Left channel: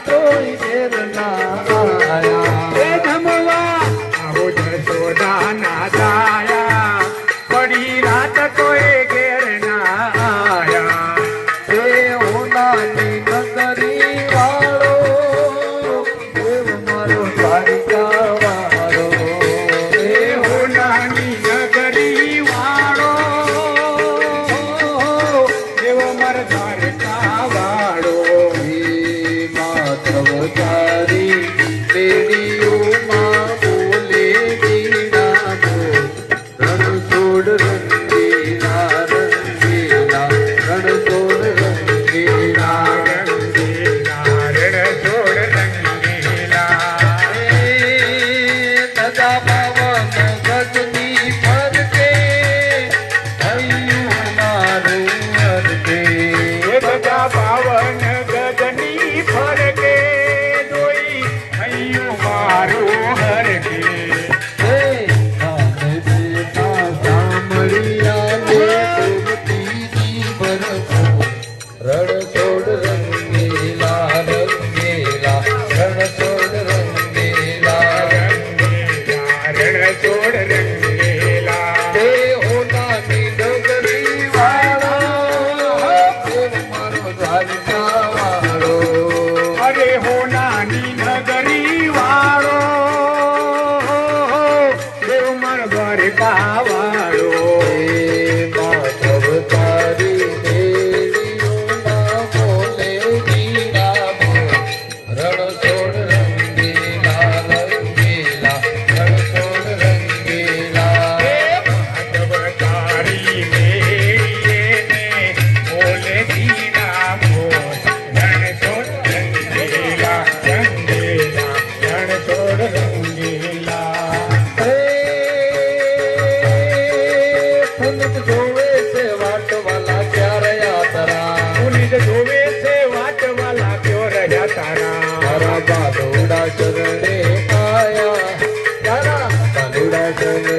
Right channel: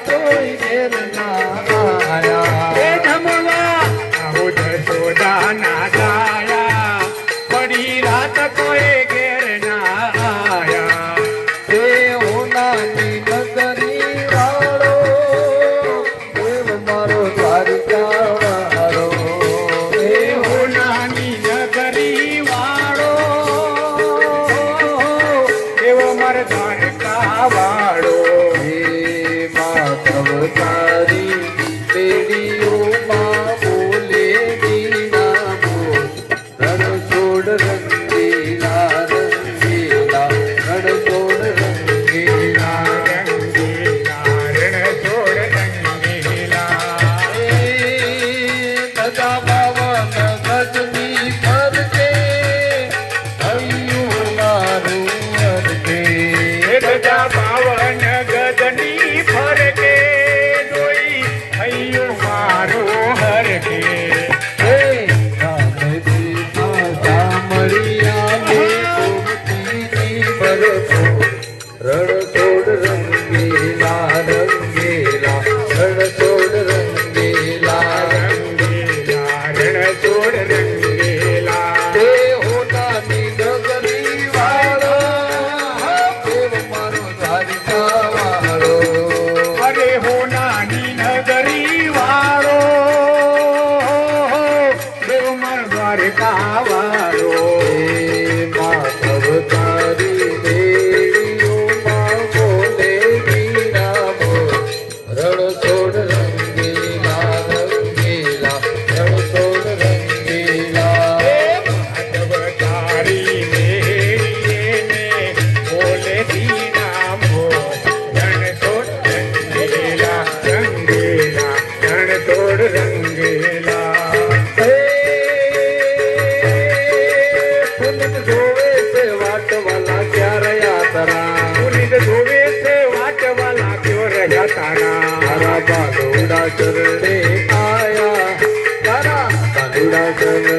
કોઈ ઘેર ના આયા એ જમવા આવો જશોદા ના જાયા પડી રાત કોઈ ઘેર ના આયા એ હોનાની નગરી વાળો બોલ મારો દ્વારિકા વાળો એ હોનાની નગરી વાળો એવો મારો દ્વારકા વાળો હે માધવ તારી પેઢીઓમાં બોલે બીના બોલ રણછોડ રંગીલા રંગીલા રણછોડ રંગીલા નદા પવન ગગની ફરકે થયું મારું અરકે પાવન ગજની ફરકે જોઈ થયું મારું હરકે હે રામે દેવા સામળિયા મે ગોમતીની બરસો રણછોડ રંગીલા રંગીલા રણછોડ રંગીલા રણછોડ રંગેલા હે હોનાની ડગરી વાળા દેવ મારો દ્વારિકા વાળો અરે હોનાની નગરી વાળો દેવ મારો દ્વારકા વાળો હે માધવ તારી દેવીઓમાં બોલે બીના બોલ રણછોડ રંગીલા રંગીલા રણછોડ રંગીલા તારી મેરીને બોલે દીના બોલ રણછોડ રંગેલા રંગેલા રણછોડ રંગેલા હે પુનિત જોવે છે વાટવાલા ક્યારે યાતરા પુનિત જોવે છે વાટવાલા ક્યો રહ્યા તારા તારા બાદુડા ચરણે આયા તારા બાદુડા ચરણે